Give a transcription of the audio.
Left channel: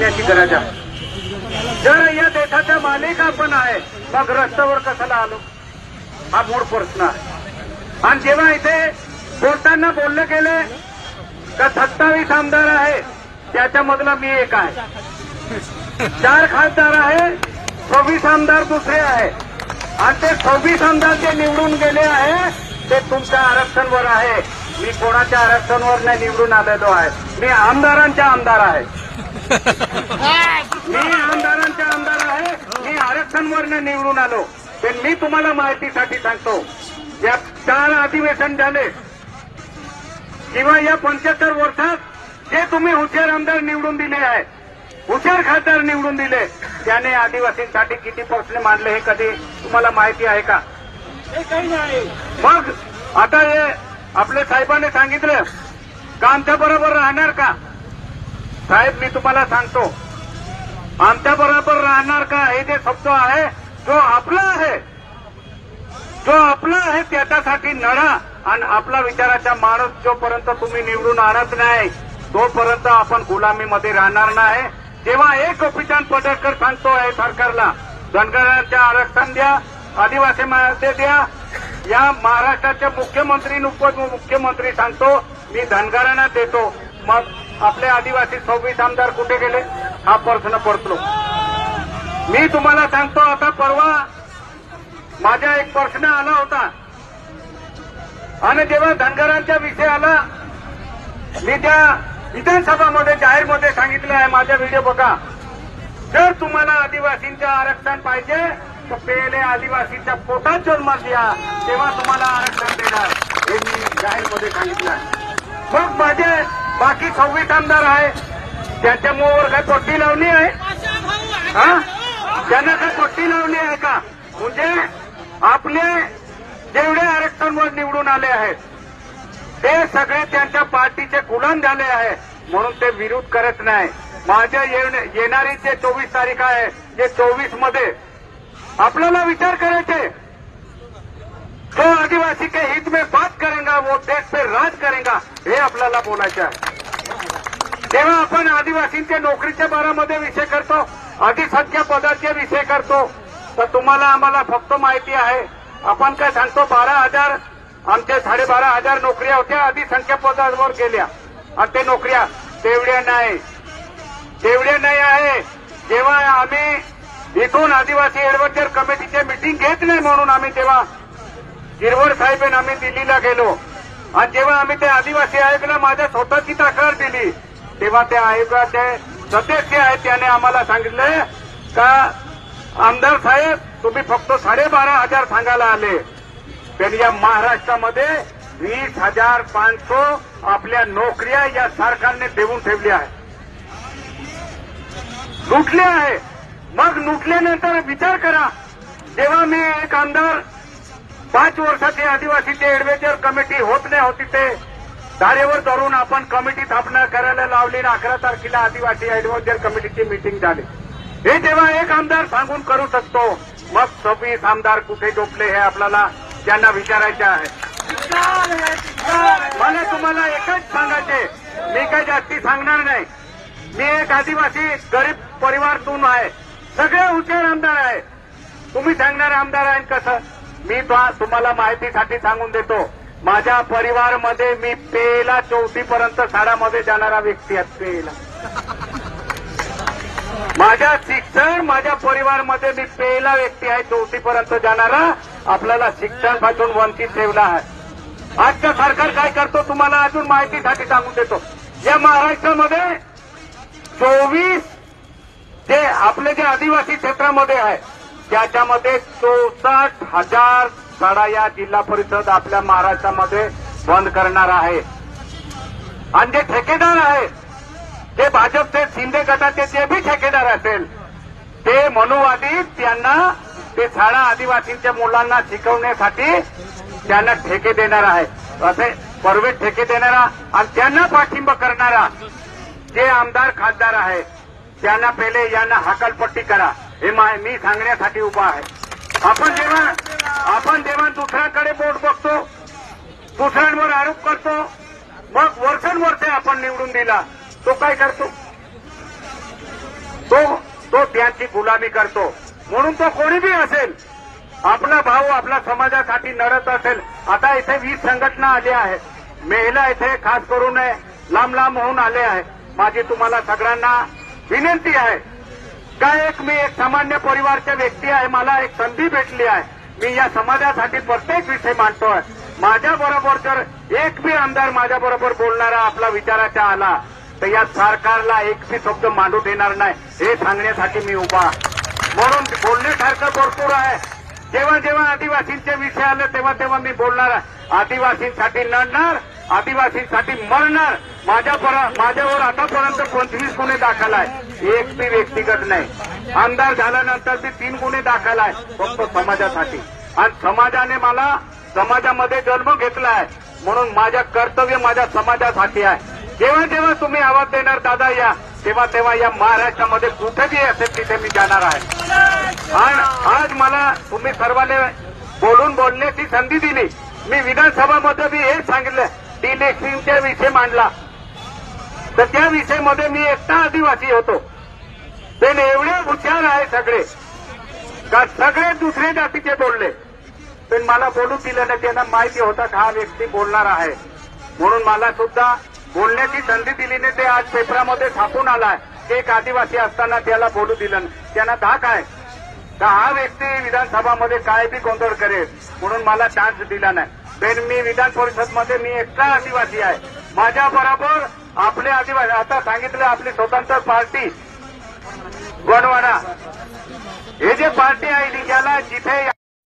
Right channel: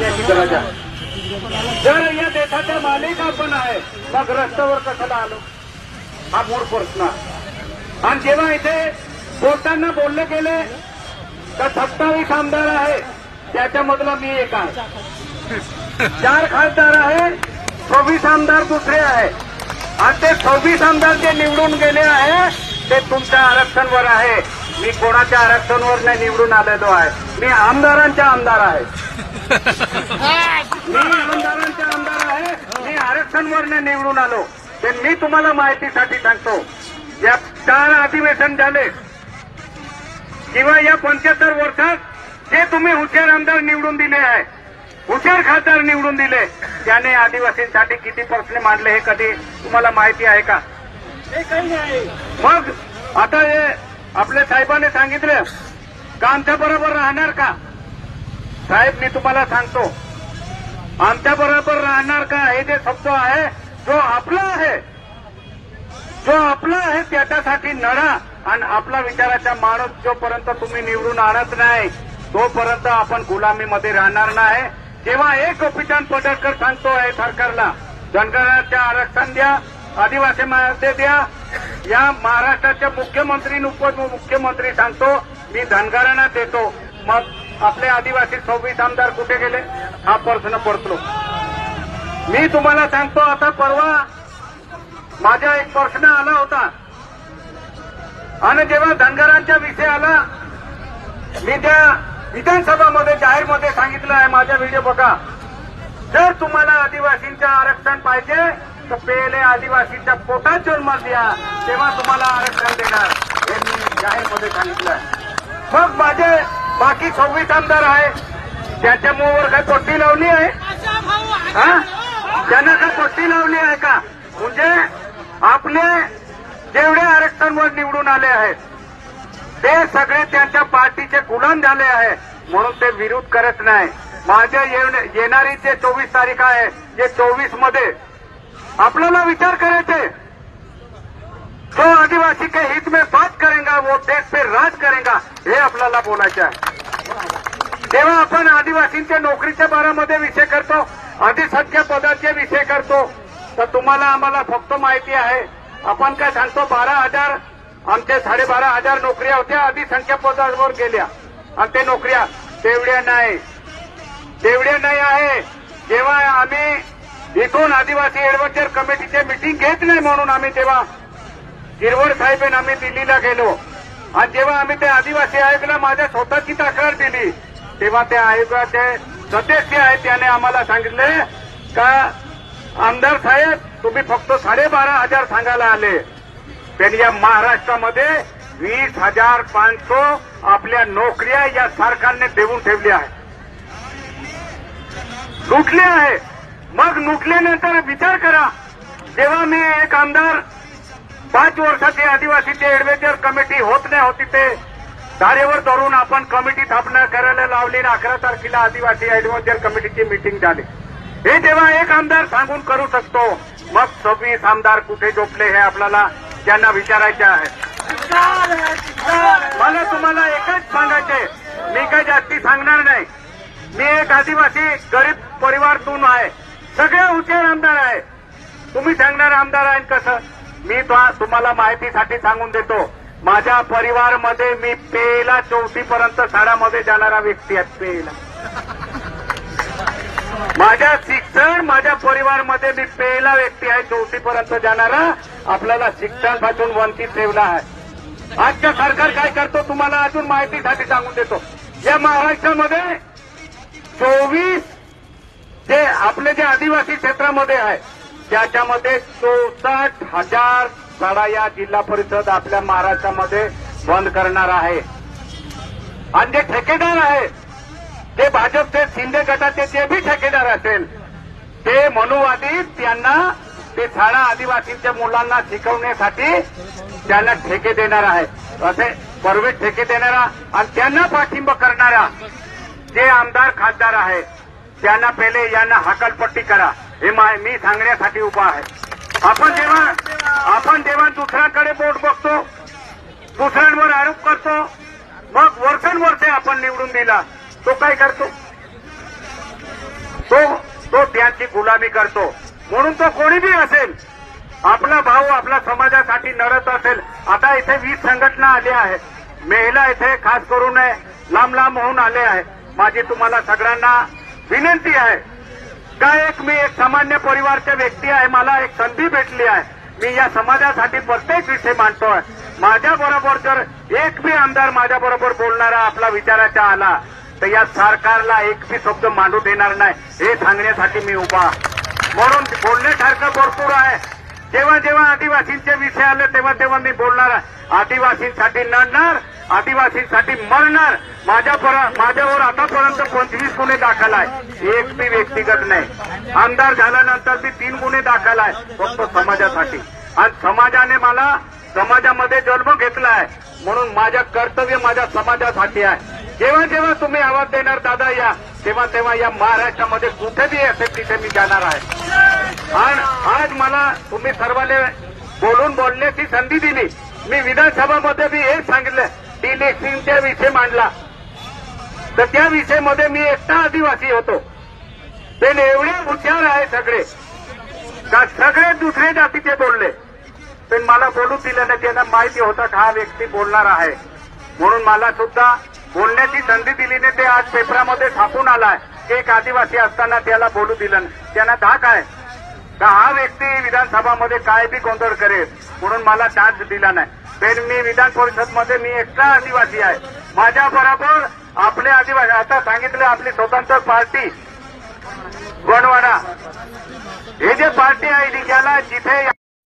याची गरज आहे. जर या देशाचा मालिक आपण आहे मग रस्त्यावर कशाला आलो हा मूळ प्रश्न आहे. आणि जेव्हा इथे बोलताना बोलले गेले तर 27 आमदार आहे त्याच्यामधला मी एक आहे. 4 खासदार आहे, 26 आमदार दुसरे आहे. आणि ते 26 आमदार जे निवडून गेले आहे ते तुमच्या आरक्षणवर आहे. मी कोणाच्या आरक्षणवर नाही निवडून आलेलो आहे. मी आमदारांचा आमदार आहे. मी आमदारांचा आमदार आहे. मी आरक्षणवर निवडून आलो. ते मी तुम्हाला माहितीसाठी सांगतो. या 4 अधिवेशन झाले किंवा या 75 वर्षात जे तुम्ही हुशार आमदार निवडून दिले आहे, हुशार खासदार निवडून दिले, त्याने आदिवासींसाठी किती प्रश्न मांडले हे कधी तुम्हाला माहिती आहे का? हे काही नाही. मग आता हे आपल्या साहेबांनी सांगितलं का आमच्या बरोबर राहणार का? साहेब मी तुम्हाला सांगतो आमच्या बरोबर राहणार का हे जे शब्द आहे जो आपला आहे, जो आपला आहे त्याच्यासाठी लढा. आणि आपला विचाराचा माणूस जोपर्यंत तुम्ही निवडून आणत नाही तोपर्यंत आपण गुलामीमध्ये राहणार नाही. जेव्हा एक गोपीचंद पडळकर सांगतो आहे सरकारला धनगरांच्या आरक्षण द्या, आदिवासी मध्ये द्या, या महाराष्ट्राचे मुख्यमंत्री उपमुख्यमंत्री सांगतो मी धनगरांना देतो, मग आपले आदिवासी 26 आमदार कुठे गेले हा प्रश्न पडतो. मी तुम्हाला सांगतो आता परवा माझा एक प्रश्न आला होता आणि जेव्हा धनगरांचा विषय आला मी त्या विधानसभामध्ये जाहीरमध्ये सांगितलं आहे, माझा व्हिडिओ बघा. जर तुम्हाला आदिवासींचं आरक्षण पाहिजे तर पहिले आदिवासीच्या पोटात जन्म द्या तेव्हा तुम्हाला आरक्षण देणार हे मी जाहीरमध्ये सांगितलं आहे. मग माझे बाकी 26 आमदार आहेत त्याच्या मुळावर काय पट्टी लावली आहे? त्यांना काय पट्टी लावली आहे का? म्हणजे आपले जेवढे आरक्षणवर निवडून आले आहेत ते सगळे त्यांच्या पार्टीचे गुलाम झाले आहे म्हणून ते विरोध करत नाही. माझ्या येणारी जे 24 तारीख आहे जे 24 मध्ये आपल्याला विचार करायचे जो आदिवासी के हित में बात करेगा वो देश पे राज करेगा हे आपल्याला बोलायचं आहे. जेव्हा आपण आदिवासींच्या नोकरीच्या बारामध्ये विषय करतो, अधिसंख्य पदाचे विषय करतो तर तुम्हाला आम्हाला फक्त माहिती आहे आपण काय सांगतो 12,000 आमचे 12,500 नोकऱ्या होत्या अधिसंख्य पदावर गेल्या आणि ते नोकऱ्या तेवढ्या नाही आहे. जेव्हा आम्ही इथून आदिवासी एडव्हायझर कमिटीची मीटिंग घेत नाही म्हणून आम्ही तेव्हा गिरवड साहेब आम्ही दिल्लीला गेलो आणि जेव्हा आम्ही त्या आदिवासी आयोगाला माझ्या स्वतःची तक्रार दिली तेव्हा त्या आयोगाचे सदस्य आहेत त्याने आम्हाला सांगितले का आमदार साहेब तुम्ही फक्त 12,500 सांगायला आले. त्यांनी या महाराष्ट्रामध्ये 20,500 आपल्या नोकऱ्या या सरकारने देऊन ठेवल्या आहेत, लुटले आहे. मग लुटल्यानंतर विचार करा जेव्हा मी एक आमदार 5 वर्षाची आदिवासीची एडव्हायझर कमिटी होत नाही होती ते धारेवर धरून आपण कमिटी स्थापना करायला लावली. 11 तारखेला आदिवासी एडव्हायझर कमिटीची मीटिंग झाली. हे जेव्हा एक आमदार सांगून करू शकतो मग 26 आमदार कुठे झोपले हे आपल्याला त्यांना विचारायचे आहे. मला तुम्हाला एकच सांगायचे, मी काही जास्ती सांगणार नाही. मी एक आदिवासी गरीब परिवारातून आहे, सगळे हुशार आमदार आहे. तुम्ही सांगणार आमदार आहे कसं? मी तुम्हाला माहितीसाठी सांगून देतो माझ्या परिवारामध्ये मी पेला 4थी पर्यंत शाळामध्ये जाणारा व्यक्ती आहे. पेला माझ्या शिक्षण माझ्या परिवारामध्ये मी पहिला व्यक्ती आहे 4थी पर्यंत जाणारा. आपल्याला शिक्षणापासून वंचित ठेवला आहे. आजचं सरकार काय करतो तुम्हाला अजून माहितीसाठी सांगून देतो. या महाराष्ट्रामध्ये 24 जे आपले जे आदिवासी क्षेत्रामध्ये आहे त्याच्यामध्ये 64,000 शाळा या जिल्हा परिषद आपल्या महाराष्ट्रामध्ये बंद करणार आहे. आणि जे ठेकेदार आहे ते भाजपचे शिंदे गटाचे जे भी ठेकेदार असेल ते मनुवादी त्यांना ते शाळा आदिवासींच्या मुलांना शिकवण्यासाठी त्यांना ठेके देणार आहे. असे परवे ठेके देणारा आणि त्यांना पाठिंबा करणारा जे आमदार खासदार आहेत त्यांना पहिले यांना हकालपट्टी करा हे मी सांगण्यासाठी उभा आहे. आपण जेव्हा दुसऱ्याकडे बोट बघतो, दुसऱ्यांवर आरोप करतो, मग वर्षानुवर्षे आपण निवडून दिला तो काय करतो? तो त्याची गुलामी करतो. म्हणून तो कोणी बी असेल, आपला भाऊ आपल्या समाजासाठी लढत असेल. आता इथे 20 संघटना आल्या आहेत, महिला इथे खास करून लांब लांब होऊन आले आहे. माझी तुम्हाला सगळ्यांना विनंती आहे का मी एक सामान्य परिवारचा व्यक्ती आहे, मला एक संधी भेटली आहे, मी या समाजासाठी प्रत्येक विषय मांडतोय. माझ्याबरोबर जर एक बी आमदार माझ्याबरोबर बोलणारा आपला विचाराचा आला तर या सरकारला एक बी शब्द मांडू देणार नाही, हे सांगण्यासाठी मी उभा. म्हणून बोलण्यासारखं भरपूर आहे. जेव्हा जेव्हा आदिवासींचे विषय आले तेव्हा तेव्हा मी बोलणार. आदिवासींसाठी लढणार, आदिवासींसाठी मरणार. माझ्यावर आतापर्यंत 25 गुन्हे दाखल आहे, एक बी व्यक्तिगत नाही. आमदार झाल्यानंतर बी 3 गुन्हे दाखल आहे फक्त समाजासाठी. आणि समाजाने मला समाजामध्ये जन्म घेतला आहे, म्हणून माझं कर्तव्य माझ्या समाजासाठी आहे. जेव्हा जेव्हा तुम्ही आवाज देणार दादा या, तेव्हा तेव्हा या महाराष्ट्रामध्ये कुठेही असेल तिथे मी जाणार आहे. आणि आज मला तुम्ही सर्वांनी बोलण्याची संधी दिली. मी विधानसभामध्ये बी हेच सांगितलं, इलेक्शनचा विषय मांडला तर त्या विषयामध्ये मी एकटा आदिवासी होतो. ते एवढे हुशार आहे सगळे का सगळे दुसरे जातीचे बोलले, पण मला बोलू दिलं नाही. त्यांना माहिती होता हा व्यक्ती बोलणार आहे, म्हणून मला सुद्धा बोलण्याची संधी दिली नाही. ते आज पेपरामध्ये छापून आलाय की एक आदिवासी असताना त्याला बोलू दिलं नाही. त्यांना धाक आहे का हा व्यक्ती विधानसभामध्ये काय बी गोंधळ करेल, म्हणून मला चान्स दिला नाही. पण मी विधान परिषदमध्ये मी एकटा आदिवासी आहे. माझ्याबरोबर आपले आदिवासी, आता सांगितलं आपली स्वतंत्र पार्टी गोंडवाना, हे जे पार्टी आहे त्याला जिथे